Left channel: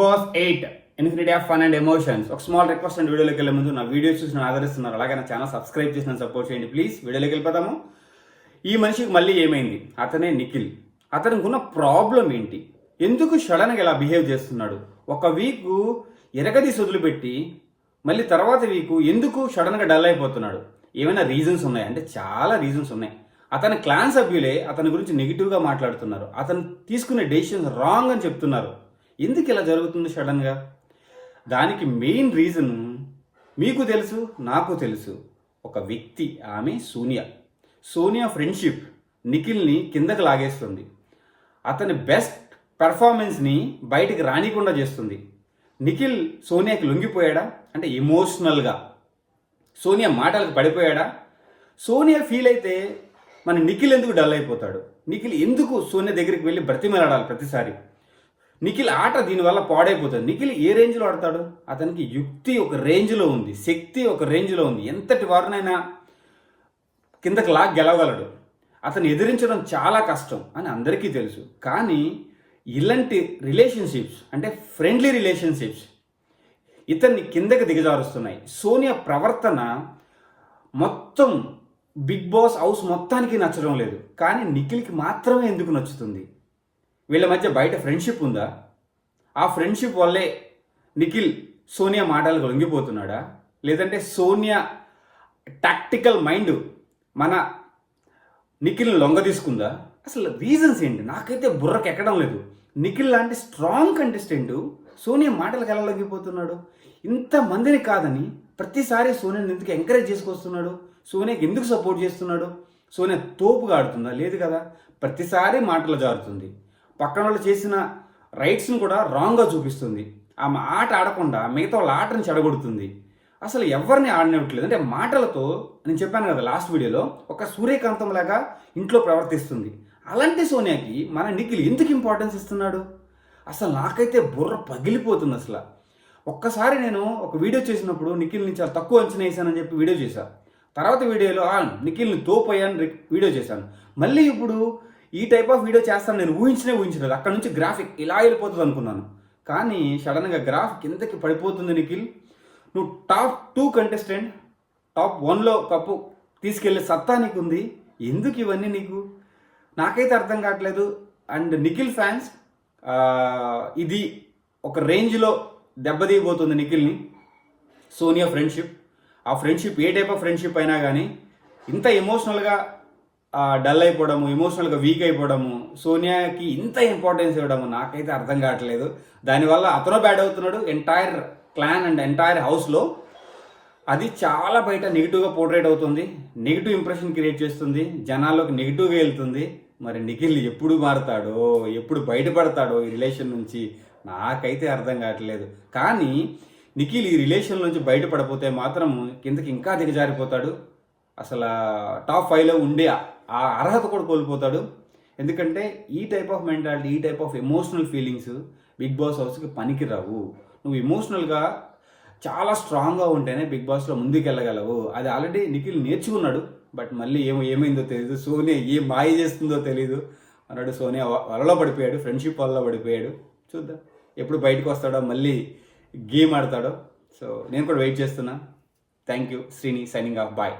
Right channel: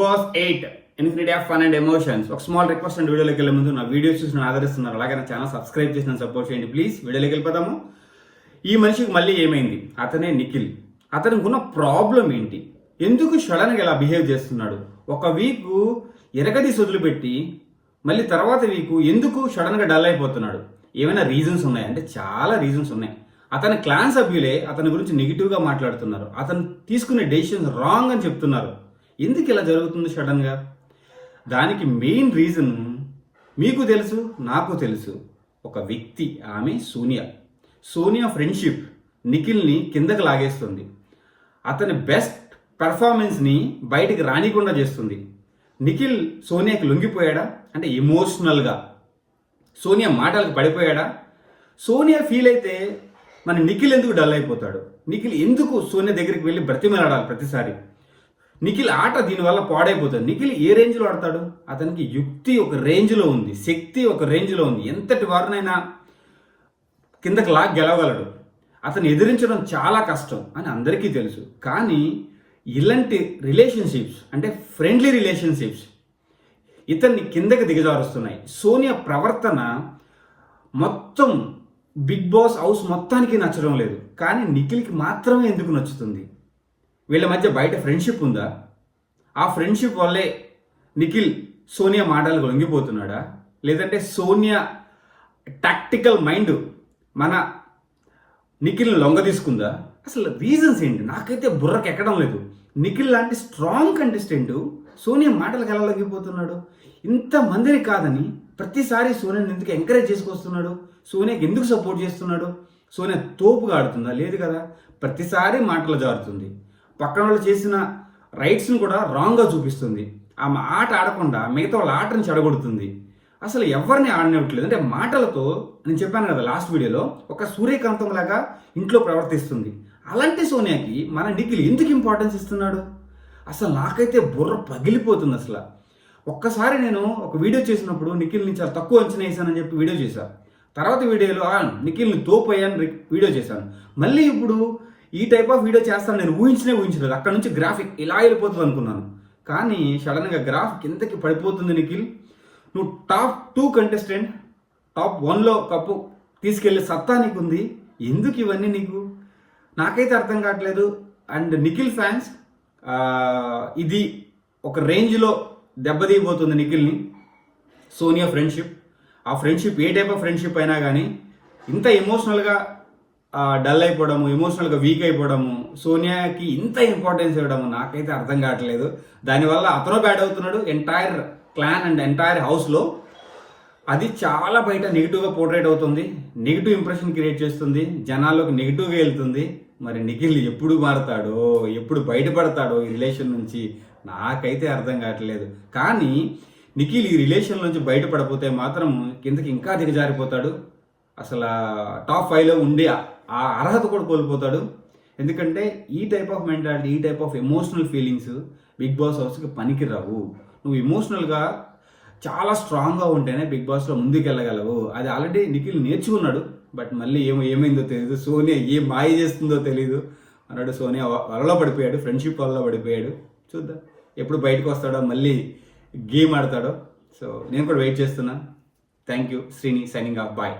Boss 8 infinity of fun and emotions. ఒక small request and వీడియోలోకి వెళ్ళే ముందు నా వీడియోస్ చూసి ఆదరిస్తున్నారు, అలాగే నా ఛానల్ సబ్స్క్రైబ్ చేసి నన్ను సపోర్ట్ చేయండి ప్లీజ్. వీడియోలోకి వెళ్ళిపోదాము. ఈ మనిషికి మళ్ళీ ఏమైంది? అతనే నిఖిల్. అతనికి ఉన్న ప్రాబ్లం ఏంటి? ఎందుకు సడన్గా ఇలా బిహేవ్ చేస్తున్నాడు? ఒక వీక్ ఎరగదీసి వదిలిపెట్టి మళ్ళీ తర్వాత వీక్ ఎందుకు సడన్గా డల్ అయిపోతున్నాడు? ఏమైనా రీజన్స్ ఉన్నాయి అంటే చాలా రీజన్స్ ఉన్నాయి. అతని క్లాన్ సభ్యులే అతని గురించి నెగిటివ్గా మాట్లాడుతున్నారు. అతను తీసుకునే డెసిషన్స్ రాంగ్ అని చెప్తున్నారు. ఎందుకు ఇలా జరుగుతుంది సడన్గా? దానికి మెయిన్ రీజన్ మీకు తెలుసు, నాకు తెలుసు. ఒక వ్యక్తి, ఆమె సోనియా ఫ్రెండ్షిప్ నిఖిల్ని కిందకి లాగేస్తుంది. అతని బెస్ట్ పెర్ఫార్మెన్స్ని బయటికి రానికుండా చేస్తుంది. నిఖిల్ సోనియాకి లొంగిపోయాడా అంటే ఎమోషనల్గా సోనియా మాటలకు పడిపోయాడా? సోనియా ఫీల్ అయితే మన నిఖిల్ ఎందుకు డల్ అయిపోతాడు? నిఖిల్ ఎందుకు సోనియా దగ్గరికి వెళ్ళి బ్రతిమలాడాలి ప్రతిసారి? నిఖిల్ ఆట దీనివల్ల పాడైపోతుంది. నిఖిల్ ఏ రేంజ్లో ఆడతాడు? అతనికి యుక్తి ఒక రేంజ్లో ఉంది, శక్తి ఒక రేంజ్లో ఉంది. ఎంతటి వారినైనా కిందకి లాగ్ గెలవగలడు. అతను ఎదిరించడం చాలా కష్టం అని అందరికీ తెలుసు. కానీ ఇలాంటి రిలేషన్షిప్స్ అంటే ఫ్రెండ్లీ రిలేషన్షిప్స్ ఇతన్ని కిందకి దిగజారుస్తున్నాయి. సోనియా ప్రవర్తన మొత్తం బిగ్ బాస్ హౌస్ మొత్తానికి నచ్చడం లేదు. కానీ నిఖిల్కి మాత్రమే ఎందుకు నచ్చుతుంది? వీళ్ళ మధ్య బయట ఫ్రెండ్షిప్ ఉందా? ఆ ఫ్రెండ్షిప్ వల్లే నిఖిల్ సోనియా మాటలకు లొంగిపోతున్నాడా? లేదంటే సోనియా టాక్టికల్ మైండ్ మన నిఖిల్ని లొంగ తీసుకుందా? అసలు రీజన్స్ ఏంటి? నాకైతే బుర్రకు ఎక్కడం లేదు. నిఖిల్ లాంటి స్ట్రాంగ్ కంటెస్టెంట్ సోనియా మాటలకు ఎలా లొంగిపోతున్నాడు? ఇంతమందిని కాదని ప్రతిసారి సోనియాని ఎందుకు ఎంకరేజ్ చేసుకొస్తున్నాడు? సోనియాకి ఎందుకు సపోర్ట్ చేస్తున్నాడు? సోనియా తోపుగా ఆడుతుందా? లేదు కదా. ప్రతిసారి మాటలు జారుతుంది. పక్కన వాళ్ళు చేసిన రైట్స్ని కూడా రాంగ్గా చూపిస్తుంది. ఆ ఆట ఆడకుండా మిగతా వాళ్ళ ఆటను చెడగొడుతుంది. అసలు ఎవరిని ఆడనివ్వట్లేదు. అంటే మాటలతో, నేను చెప్పాను కదా లాస్ట్ వీడియోలో, ఒక సూర్యకాంతం లాగా ఇంట్లో ప్రవర్తిస్తుంది. అలాంటి సోనియాకి మన నిఖిల్ ఎందుకు ఇంపార్టెన్స్ ఇస్తున్నాడు? అసలు నాకైతే బుర్ర పగిలిపోతుంది. అసలు ఒక్కసారి నేను ఒక వీడియో చేసినప్పుడు నిఖిల్ని చాలా తక్కువ అంచనా వేసానని చెప్పి వీడియో చేశాను. తర్వాత వీడియోలో నిఖిల్ని తోపోయాను వీడియో చేశాను. మళ్ళీ ఇప్పుడు ఈ టైప్ ఆఫ్ వీడియో చేస్తాను నేను ఊహించలేదు. అక్కడ నుంచి గ్రాఫిక్ ఇలా వెళ్ళిపోతుంది అనుకున్నాను. కానీ సడన్గా గ్రాఫిక్ ఎంతకి పడిపోతుంది. నిఖిల్, నువ్వు టాప్ 2 కంటెస్టెంట్, టాప్ 1లో కప్పు తీసుకెళ్లే సత్తా నీకుంది. ఎందుకు ఇవన్నీ నీకు? నాకైతే అర్థం కావట్లేదు. అండ్ నిఖిల్ ఫ్యాన్స్ ఇది ఒక రేంజ్లో దెబ్బతీయబోతుంది నిఖిల్ని. సోనియా ఫ్రెండ్షిప్, ఆ friendship A type of friendship అయినా కానీ ఇంత ఎమోషనల్గా డల్ అయిపోవడము, ఎమోషనల్గా వీక్ అయిపోవడము, సోనియాకి ఇంత ఇంపార్టెన్స్ ఇవ్వడము నాకైతే అర్థం కావట్లేదు. దానివల్ల అతను బ్యాడ్ అవుతున్నాడు. ఎంటైర్ క్లాన్ అండ్ ఎంటైర్ హౌస్లో అది చాలా బయట నెగిటివ్గా పోర్ట్రేట్ అవుతుంది. నెగిటివ్ ఇంప్రెషన్ క్రియేట్ చేస్తుంది. జనాల్లోకి నెగిటివ్గా వెళ్తుంది. మరి నిఖిల్ ఎప్పుడు మారుతాడో, ఎప్పుడు బయటపడతాడో ఈ రిలేషన్ నుంచి నాకైతే అర్థం కావట్లేదు. కానీ నిఖిల్ ఈ రిలేషన్ నుంచి బయటపడిపోతే మాత్రం కిందకి ఇంకా దిగజారిపోతాడు. అసలు టాప్ 5లో ఉండే ఆ అర్హత కూడా కోల్పోతాడు. ఎందుకంటే ఈ టైప్ ఆఫ్ మెంటాలిటీ, ఈ type of emotional feelings Bigg Boss హౌస్కి పనికి రావు. నువ్వు ఎమోషనల్గా చాలా స్ట్రాంగ్గా ఉంటేనే బిగ్ బాస్లో ముందుకు వెళ్ళగలవు. అది ఆల్రెడీ నిఖిల్ నేర్చుకున్నాడు. బట్ మళ్ళీ ఏమైందో తెలియదు. సోనియా ఏం మాయ చేస్తుందో తెలియదు అన్నాడు. సోనియా వలలో పడిపోయాడు, ఫ్రెండ్షిప్ వల్ల పడిపోయాడు. చూద్దాం ఎప్పుడు బయటకు వస్తాడో, మళ్ళీ గేమ్ ఆడతాడో. సో నేను కూడా వెయిట్ చేస్తున్నా. Thank you. Srini signing off. Bye.